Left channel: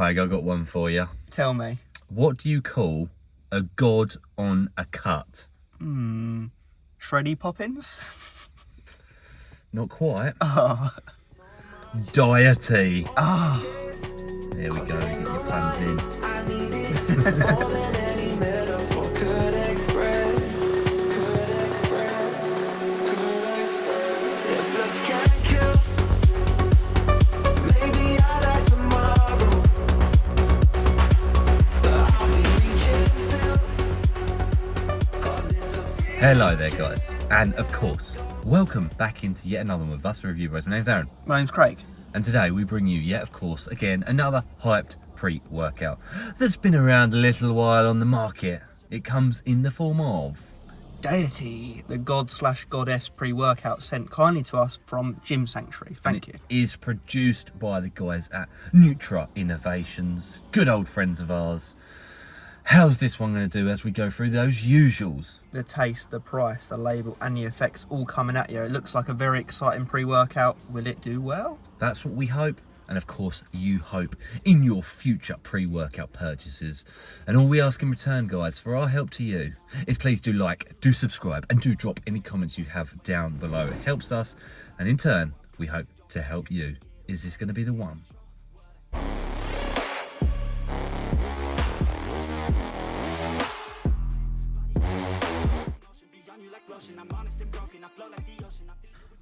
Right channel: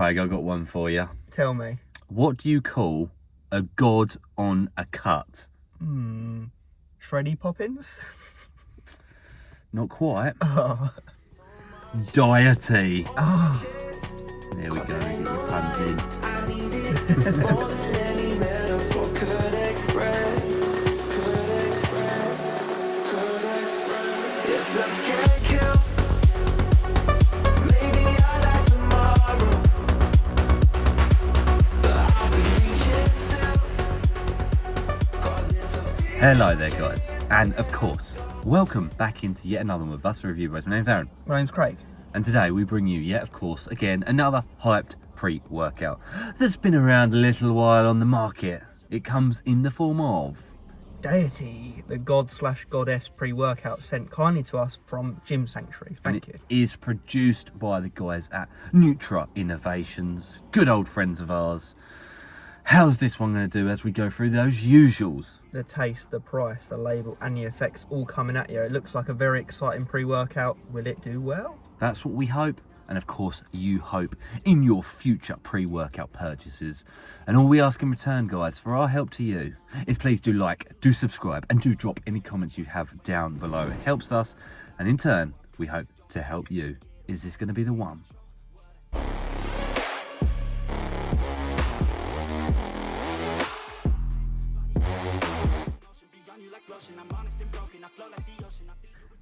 Craig, I've got one for you. Tell me. What do you call a god on a cut? Shreddy Poppins? Not quite. Oh. Deity. Oh. There we go, get your puns in. I need it more than any metaphor could express. If looks can't kill, maybe I'll die tomorrow, but I'll be reaching still, 'cause it's a feeling. Hello there, guys. And of course, welcome back into yet another one with us, the Review Bros. My name's Aaron. My name's Craig. And today we bring you, yet of course, again, another hyped pre-workout that's been around a little while on the market. It comes in the form of Deity, the god/goddess pre-workout sent kindly to us from Gym Sanctuary. Thank you. It is produced by the guys at Nutra Innovations, good old friends of ours. How's this one going to do as we go through those usuals? The taste, the price, the label and the effects all coming at you. It looks like a very exciting pre-workout. Will it do well? That's what we hope. And of course, you hope in your future pre-workout purchases. And all we ask in return, guys, for our help to you, is please do like, do subscribe, and do drop any comments you have down below. It helps us, and in turn, we hope to help you. Is this going to be the one?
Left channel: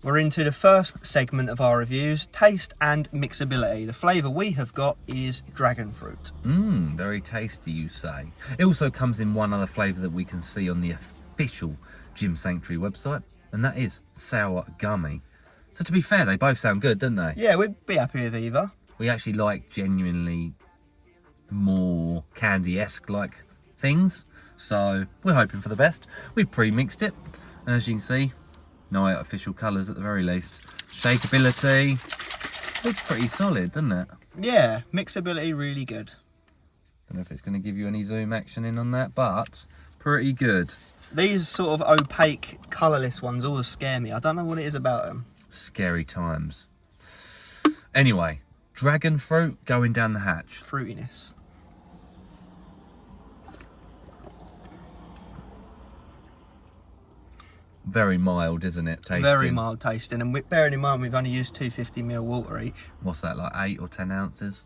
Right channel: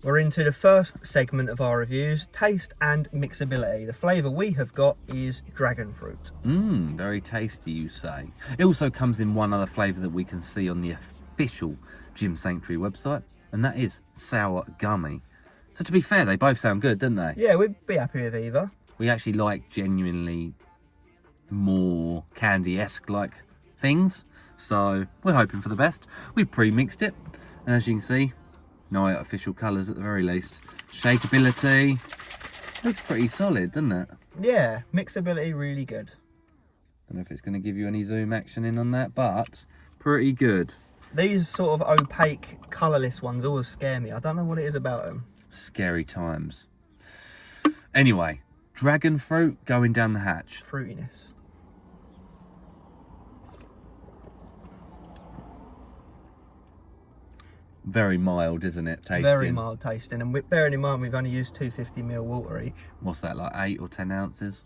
We're into the first segment of our reviews, taste and mixability. The flavour we have got is dragon fruit. Very tasty, you say. It also comes in one other flavour that we can see on the official Gym Sanctuary website, and that is sour gummy. So to be fair, they both sound good, don't they? Yeah, we'd be happy with either. We actually like genuinely more candy-esque like things, so we're hoping for the best. We've pre-mixed it, and as you can see, no artificial colours at the very least. Shakeability looks pretty solid, doesn't it? Yeah, mixability really good. Don't know if it's going to give you any zoom action in on that, but pretty good. These sort of opaque, colourless ones always scare me. I don't know what it is about them. Scary times. Anyway, dragon fruit going down the hatch. Fruitiness. Very mild, isn't it? Tasting. Very mild tasting, and bearing in mind we've only used 250ml water each. What's that, like 8 or 10 ounces?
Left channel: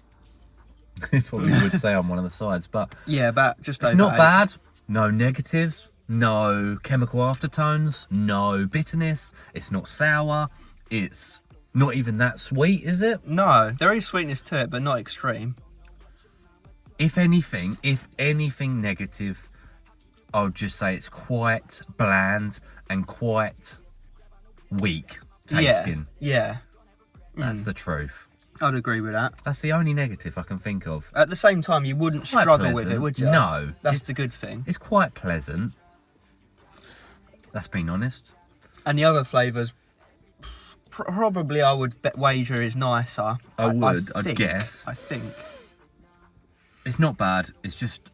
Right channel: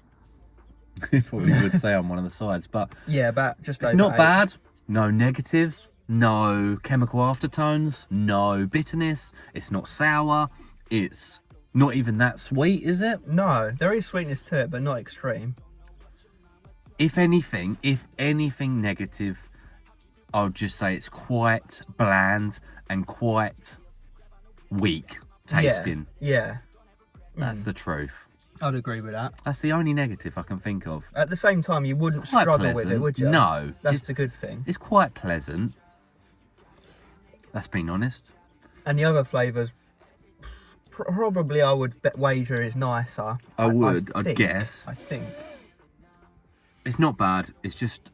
Probably would say on one of the sides, but yeah, about just over it's not 8. bad. No negatives, no chemical aftertones, no bitterness. It's not sour. It's not even that sweet, is it? No, there is sweetness to it, but not extreme. If anything negative, I would just say it's quite bland and quite weak tasting. Yeah. That's the truth. I'd agree with that. That's the only negative I can think of. At the same time, you wouldn't Quite struggle with pleasant. it, would you? No. That's the good thing. It's quite pleasant. That's being honest. And the other flavours, probably I would wager is nicer. I'd guess. I think. It's not bad. It's just,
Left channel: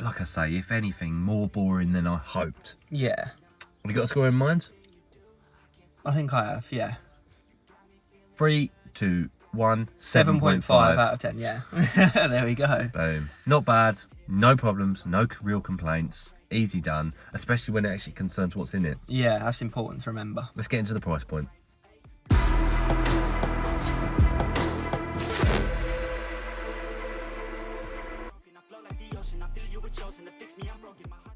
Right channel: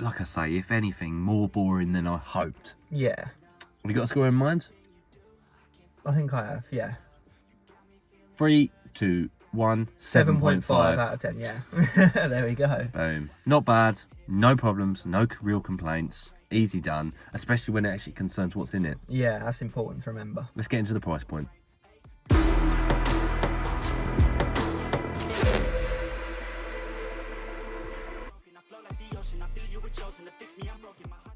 like I say, if anything, more boring than I hoped. Yeah. Have you got a score in mind? I think I have, yeah. 3, 2, 1, 7.5 out of 10, yeah. There we go. Boom. Not bad. No problems. No real complaints. Easy done. Especially when it actually concerns what's in it. Yeah, that's important to remember. Let's get into the price point.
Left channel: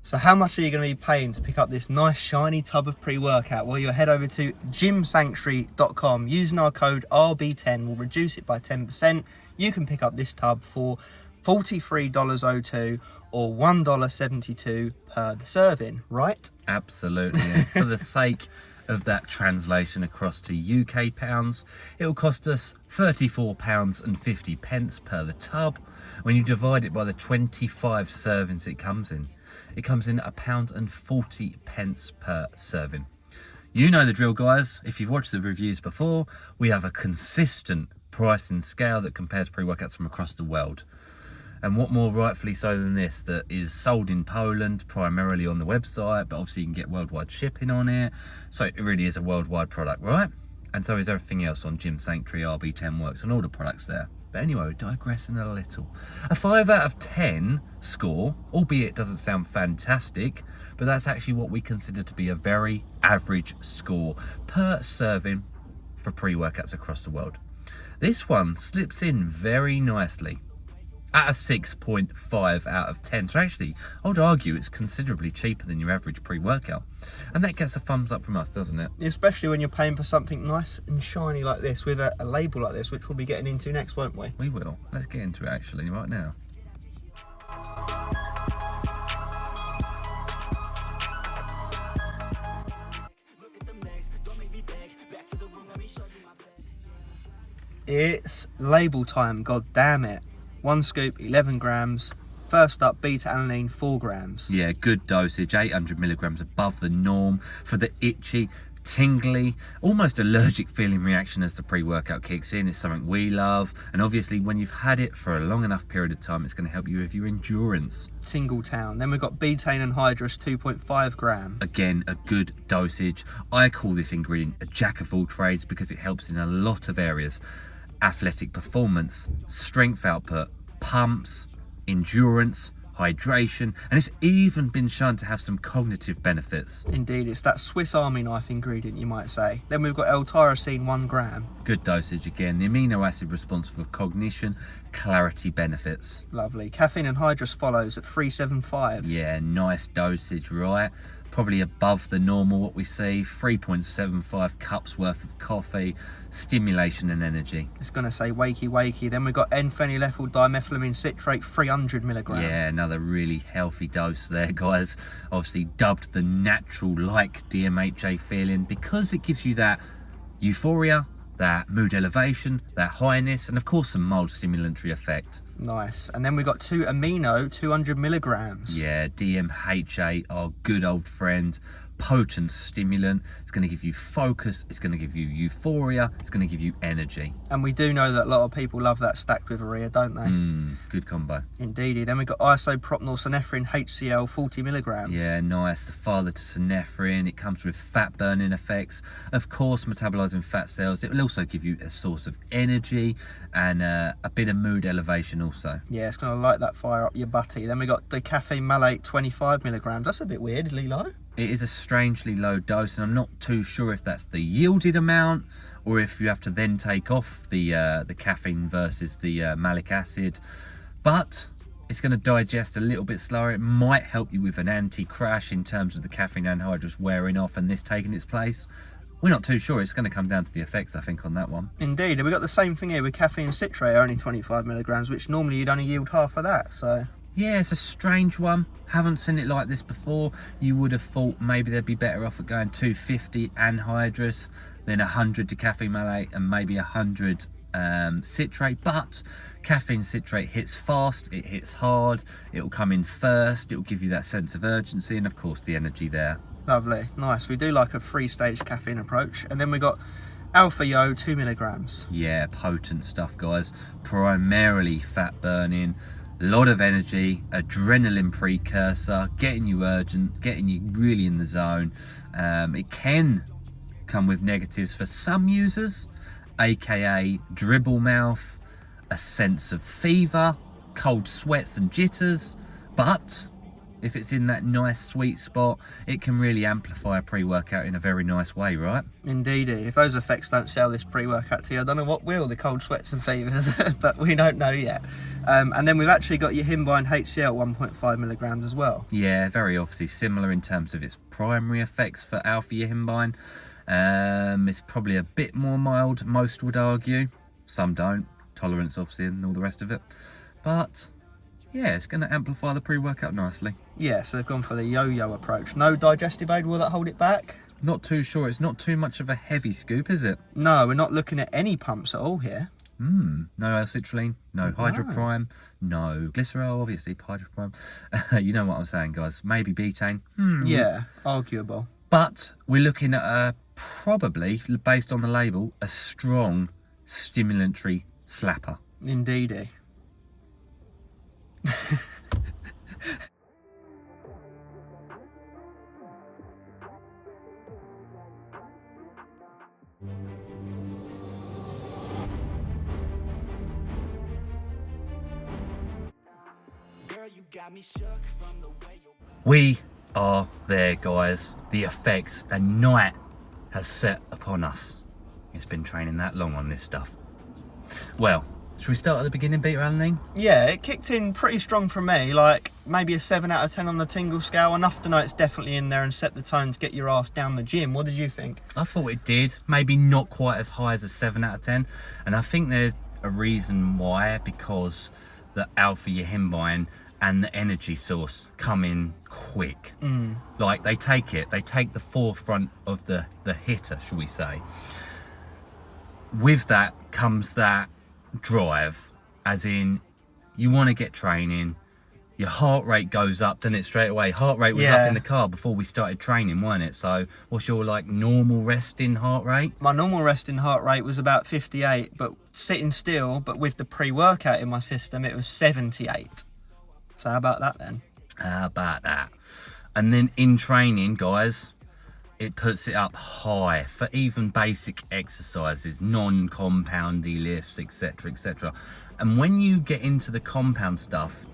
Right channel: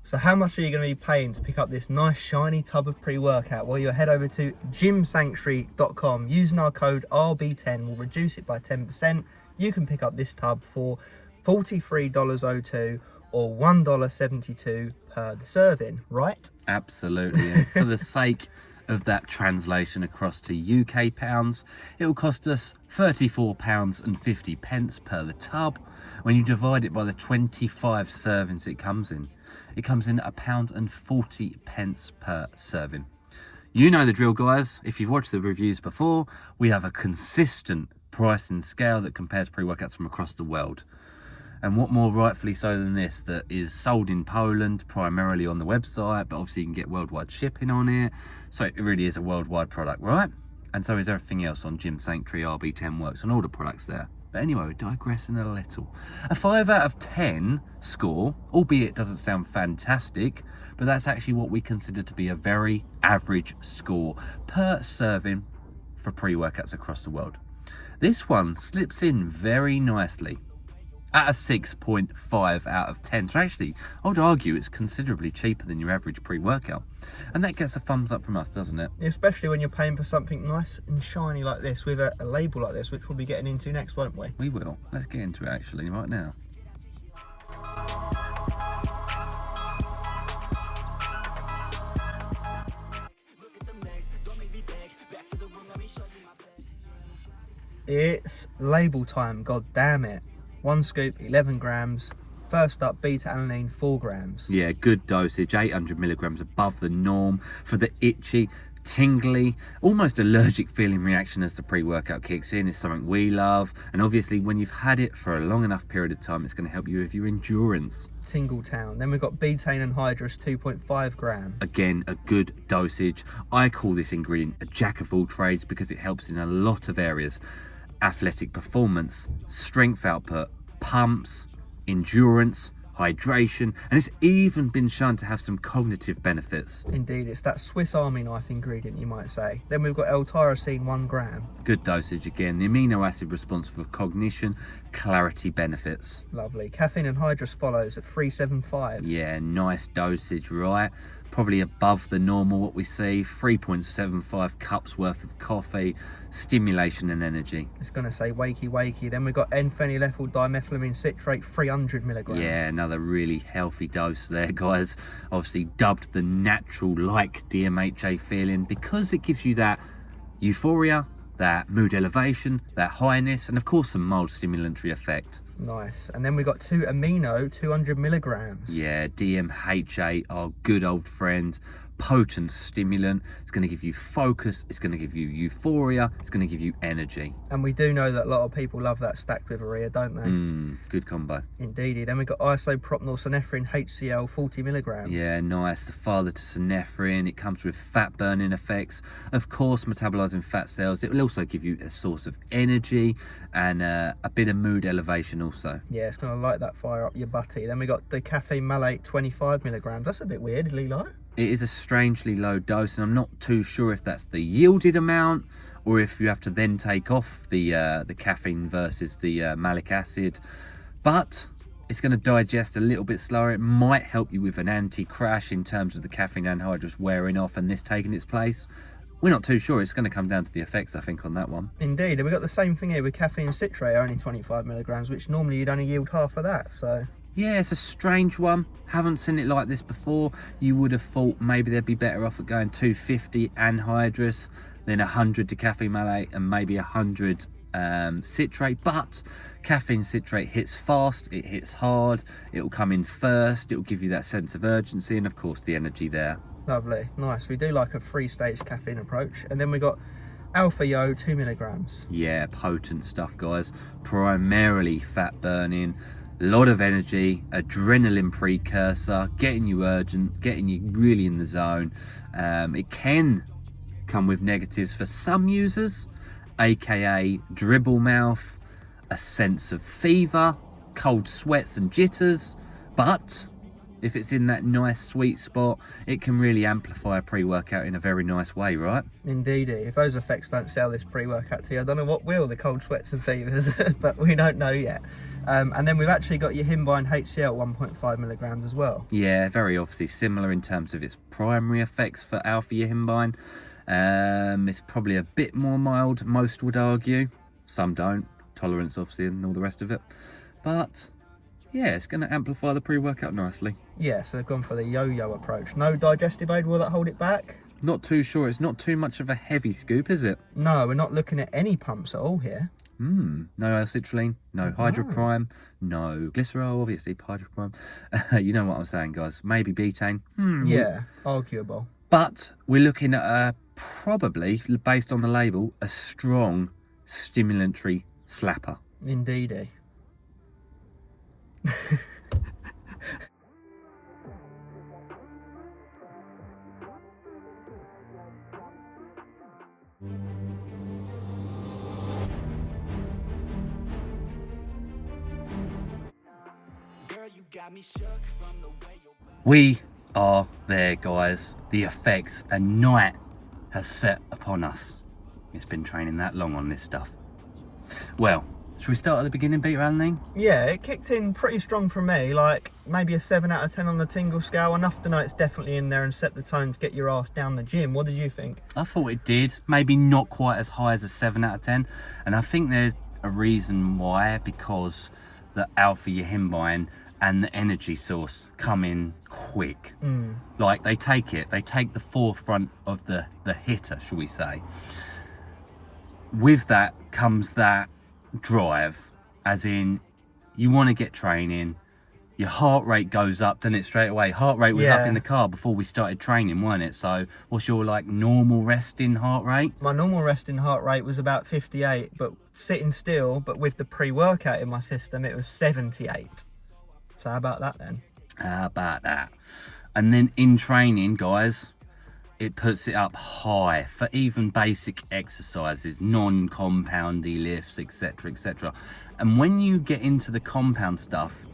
So how much are you going to be paying to pick up this nice shiny tub of pre-workout? Well, you head over to gymsanctuary.com. Using our code RB10 will reduce it by 10%. You can pick up this tub for $43.02 or $1.72 per the serving, right? Absolutely. And for the sake of that translation across to UK pounds, it will cost us £34.50 per the tub. When you divide it by the 25 servings it comes in at £1.40 per serving. You know the drill, guys. If you've watched the reviews before, we have a consistent pricing scale that compares pre-workouts from across the world. And what more rightfully so than this, that is sold in Poland, primarily on the website, but obviously you can get worldwide shipping on it. So it really is a worldwide product, right? And so is everything else on Gym Sanctuary. RB10 works on all the products there. But anyway, we're digressing a little. A 5 out of 10 score, albeit it doesn't sound fantastic, but that's actually what we consider to be a very average score per serving for pre-workouts across the world. This one slips in very nicely at a 6.5 out of 10. So actually, I would argue it's considerably cheaper than your average pre-workout. And that gets a thumbs up from us, doesn't it? Especially when you're paying for something nice and shiny like this with a label like this, which we'll be getting into next, won't we? We will. Let's get into it actually right now. It's label time, god damn it. 1 scoop, 11 grams. First up, beta alanine, 4 grams. Yeah, good dosage, 800 milligrams above the norm for the itchy, tingly, almost allergic feeling reaction as the pre-workout kicks in is something we love. And obviously when you've had it for a long enough period of time, it's going to help you with your endurance. Tingle town. Then we've got betaine anhydrous, 2.5 grams. Again, a good dosage. I call this ingredient a jack of all trades because it helps in a lot of areas. Athletic performance, strength output, pumps, endurance, hydration, and it's even been shown to have some cognitive benefits. Indeed, it's that Swiss Army knife ingredient, you might say. Then we've got L-tyrosine, 1 gram. Good dosage again. The amino acid responsible for cognition, clarity benefits. Lovely. Caffeine anhydrous follows at 375. Yeah, nice dosage, right? Probably above the normal what we see. 3.75 cups worth of coffee, stimulation and energy. It's going to say wakey wakey. Then we've got N-phenylethyl dimethylamine citrate, 300 milligrams. Yeah, another really healthy dose there, guys. Obviously dubbed the natural like DMHA feeling because it gives you that euphoria, that mood elevation, that highness, and of course some mild stimulatory effect. Nice. And then we've got 2 amino, 200 milligrams. Yeah, DMHA, our good old friend, potent stimulant. It's going to give you focus, it's going to give you euphoria, it's going to give you energy. And we do know that a lot of people love that stacked with urea, don't they? Good combo. Indeedy. Then we've got isopropyl synephrine HCl, 40 milligrams. Yeah, nice. The father to synephrine. It comes with fat burning effects. Of course, metabolizing fat cells. It will also give you a source of energy and a bit of mood elevation also. Yeah, it's going to light that fire up your butty. Then we got the caffeine malate, 25 milligrams. That's a bit weirdly low. It is a strangely low dose, and I'm not too sure if that's the yielded amount or if you have to then take off the caffeine versus the malic acid. But it's going to digest a little bit slower. It might help you with an anti-crash in terms of the caffeine anhydrous wearing off and this taking its place. We're not too sure. It's going to come down to the effects, I think, on that one. Indeed. And we've got the same thing here with caffeine citrate, only 25 milligrams, which normally you'd only yield half of that. So yeah, it's a strange one. Haven't seen it like this before. You would have thought maybe they'd be better off at going 250 anhydrous than 100 decaffeine malate and maybe 100 citrate. But caffeine citrate hits fast, it hits hard, it will come in first, it will give you that sense of urgency and of course the energy there. lovely, nice. We do like a 3-stage caffeine approach. And then we got Alpha Yo, 2 milligrams. Yeah, potent stuff, guys. Primarily fat burning, a lot of energy, adrenaline precursor, getting you urgent, getting you really in the zone. It can come with negatives for some users, aka dribble mouth, a sense of fever, cold sweats and jitters, but if it's in that nice sweet spot, it can really amplify a pre-workout in a very nice way, right? Indeedy. If those effects don't sell this pre-workout to you, I don't know what will, the cold sweats and fevers, but we don't know yet. And then we've actually got your Himbine HCl 1.5 milligrams as well. Yeah, very obviously similar in terms of its primary effects for alpha Himbine. It's probably a bit more mild, most would argue. Some don't. Tolerance, obviously, and all the rest of it. But yeah, it's going to amplify the pre-workout nicely. Yeah, so they've gone for the yo-yo approach. No digestive aid, will that hold it back? Not too sure. It's not too much of a heavy scoop, is it? No, we're not looking at any pumps at all here. No L-citrulline, no hydroprime, no glycerol, obviously hydroprime. You know what I'm saying, guys. Maybe betaine. Yeah, arguable. But we're looking at probably, based on the label, a strong stimulatory slapper. Indeedy. got me shook from the way you We are there, guys. The effects, a night has set upon us. It's been training that long on this stuff. Well, should we start at the beginning, Peter Alan? Yeah, it kicked in pretty strong for me, like maybe a 7 out of 10 on the tingle scale, enough to know it's definitely in there and set the tone to get your ass down the gym. What did you think? I thought it did. Maybe not quite as high as a 7 out of 10. And I think there's a reason why, because the alpha yohimbine and the energy source come in quick. Like they take the forefront of the hitter, shall we say. With that comes that drive, as in you want to get training, your heart rate goes up, doesn't it, straight away? Heart rate was up in the car before we started training, weren't it? So what's your like normal resting heart rate? My normal resting heart rate was about 58, but sitting still, but with the pre-workout in my system, it was 78. So how about that then? How about that? And then in training, guys, it puts it up high for even basic exercises, non-compoundy lifts, etc, etc. And when you get into the compound stuff,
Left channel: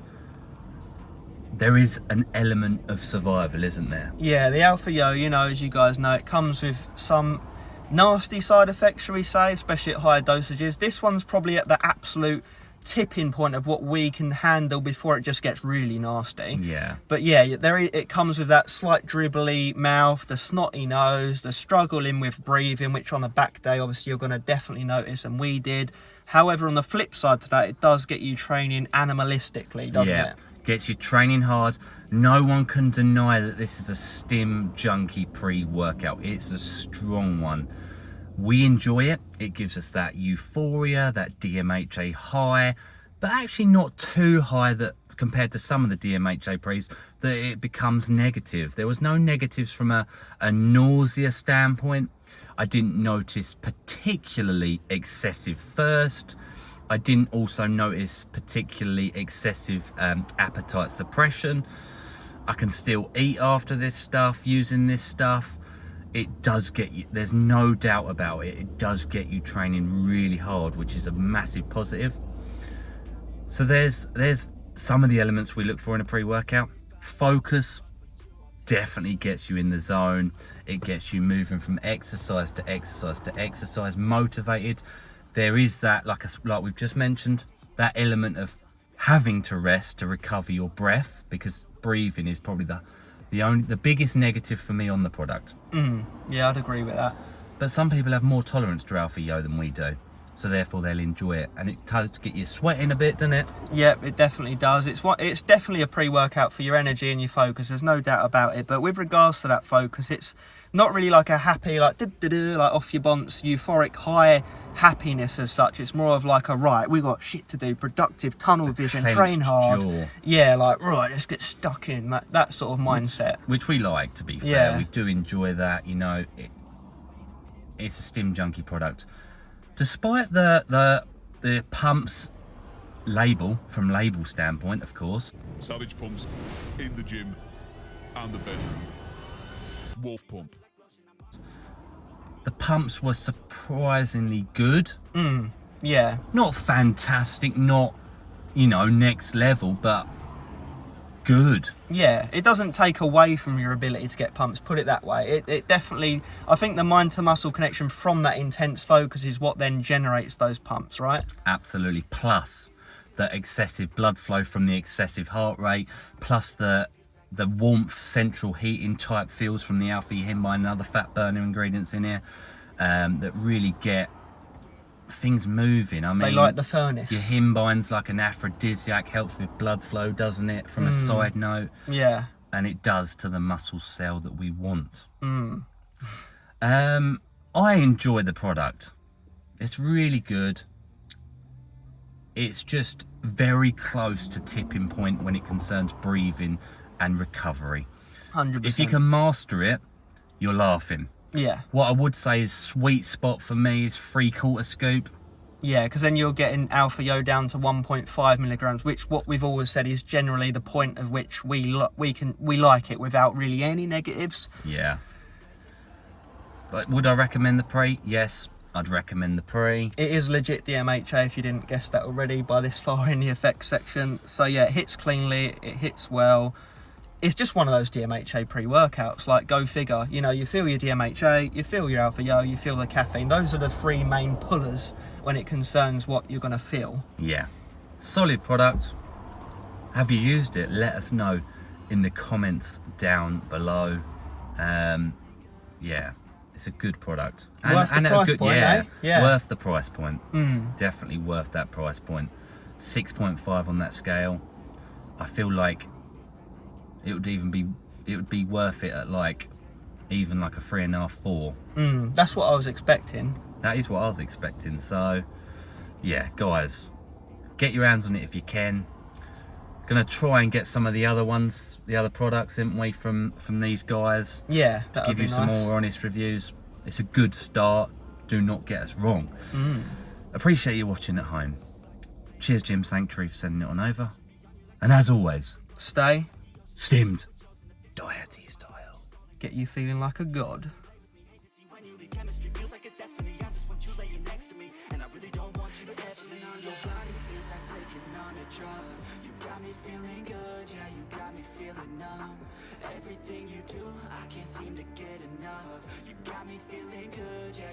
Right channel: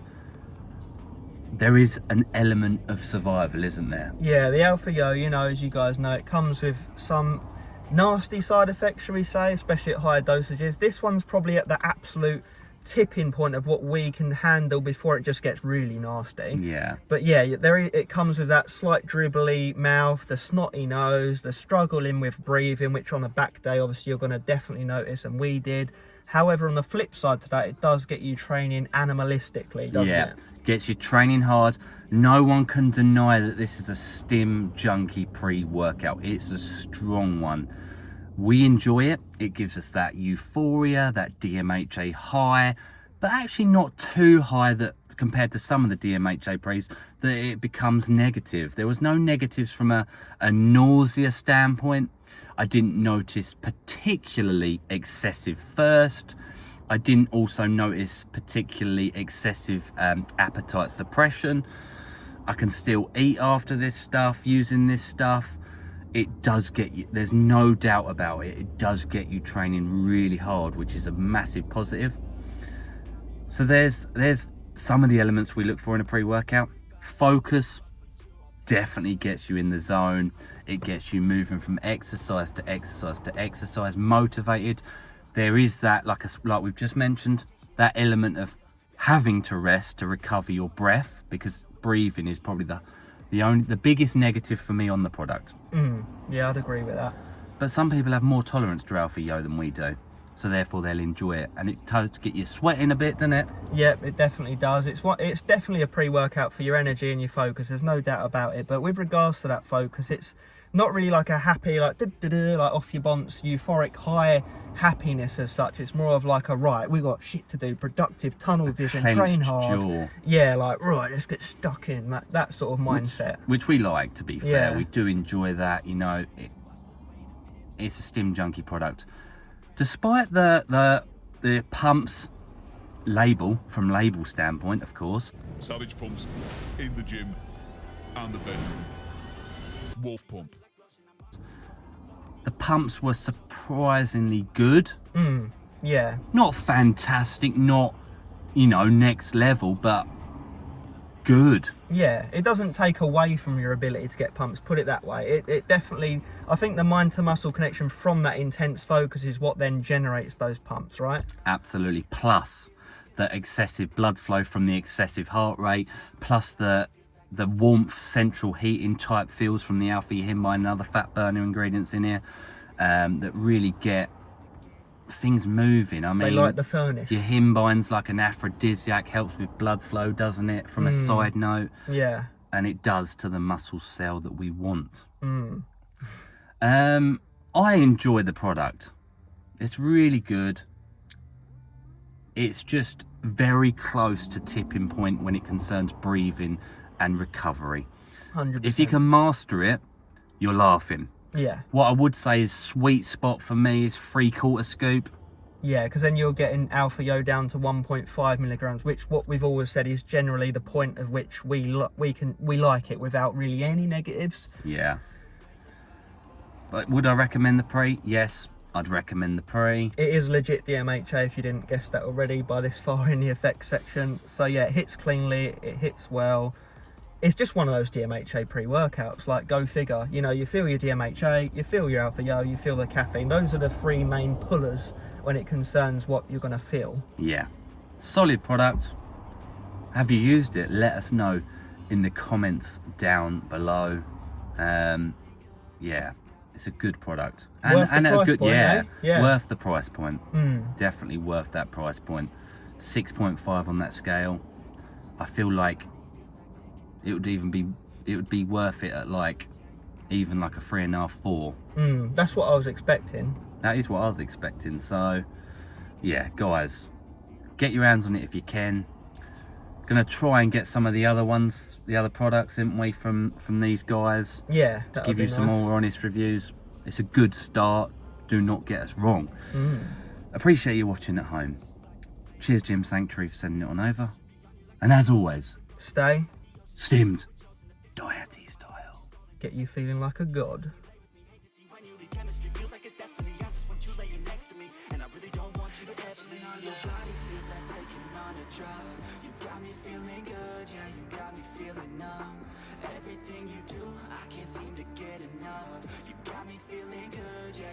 there is an element of survival, isn't there? Yeah, the Alpha Yo, you know, as you guys know, it comes with some nasty side effects, shall we say, especially at higher dosages. This one's probably at the absolute tipping point of what we can handle before it just gets really nasty. Yeah. But yeah, it comes with that slight dribbly mouth, the snotty nose, the struggling with breathing, which on a back day obviously you're going to definitely notice, and we did. However, on the flip side to that, it does get you training animalistically, doesn't it? Gets you training hard. No one can deny that this is a stim junkie pre-workout. It's a strong one. We enjoy it. It gives us that euphoria, that DMHA high, but actually not too high that compared to some of the DMHA pre's that it becomes negative. There was no negatives from a nausea standpoint. I didn't notice particularly excessive thirst. I didn't also notice particularly excessive appetite suppression. I can still eat after this stuff, using this stuff. It does get you, there's no doubt about it, it does get you training really hard, which is a massive positive. So there's some of the elements we look for in a pre-workout. Focus definitely gets you in the zone. It gets you moving from exercise to exercise to exercise, motivated. There is that, like we've just mentioned, that element of having to rest to recover your breath, because breathing is probably the biggest negative for me on the product. Yeah, I'd agree with that. But some people have more tolerance to Alpha Yo than we do, so therefore they'll enjoy it, and it does get you sweating a bit, doesn't it? Yep, it definitely does. It's definitely a pre-workout for your energy and your focus, there's no doubt about it. But with regards to that focus, it's not really like a happy, like like off your bumps, euphoric high happiness as such. It's more of like a, right, we got shit to do, productive, tunnel vision, train hard. Jaw. Yeah, like, right, let's get stuck in, that sort of mindset. Which we like, to be fair. Yeah. We do enjoy that, you know. It's a stim junkie product. Despite the pumps label, from label standpoint, of course. Savage pumps in the gym and the bedroom. Wolf pump. The pumps were surprisingly good. Yeah. Not fantastic, not, you know, next level, but good. Yeah, it doesn't take away from your ability to get pumps, put it that way. It definitely, I think the mind to muscle connection from that intense focus is what then generates those pumps, right? Absolutely. Plus the excessive blood flow from the excessive heart rate, plus the warmth, central heating type feels from the alpha yohimbine and other fat burner ingredients in here that really get things moving. I mean, They like the furnace. Yohimbine's like an aphrodisiac, helps with blood flow, doesn't it? From a side note. Yeah. And it does to the muscle cell that we want. I enjoy the product. It's really good. It's just very close to tipping point when it concerns breathing and recovery. 100%. If you can master it, you're laughing. Yeah. What I would say is sweet spot for me is 3/4 scoop. Yeah, because then you're getting Alpha Yo down to 1.5 milligrams, which what we've always said is generally the point of which we like it without really any negatives. Yeah. But would I recommend the pre? Yes. I'd recommend the Pre. It is legit DMHA if you didn't guess that already by this far in the effects section. So yeah, it hits cleanly, it hits well. It's just one of those DMHA pre-workouts, like go figure. You know, you feel your DMHA, you feel your alpha yo, you feel the caffeine. Those are the three main pullers when it concerns what you're gonna feel. Yeah, solid product. Have you used it? Let us know in the comments down below. Yeah, it's a good product. Worth the price point, eh? Yeah. Worth the price point. Definitely worth that price point. 6.5 on that scale. I feel like it would be worth it at like even like a 3.5, 4. That's what I was expecting. That is what I was expecting. So yeah, guys, get your hands on it if you can. Gonna try and get some of the other ones, the other products, isn't we, from these guys? Yeah, to give you some more honest reviews. It's a good start. Do not get us wrong. Appreciate you watching at home. Cheers, Gym Sanctuary, for sending it on over. And as always, stay stimmed, Deity style. Get you feeling like a god. Chemistry feels like it's destiny. I just want you laying next to me, and I really don't want you to ever leave. On your body feels like taking on a drug. You got me feeling good, yeah, you got me feeling numb. Everything you do, I can't seem to get enough. You got me feeling good, yeah.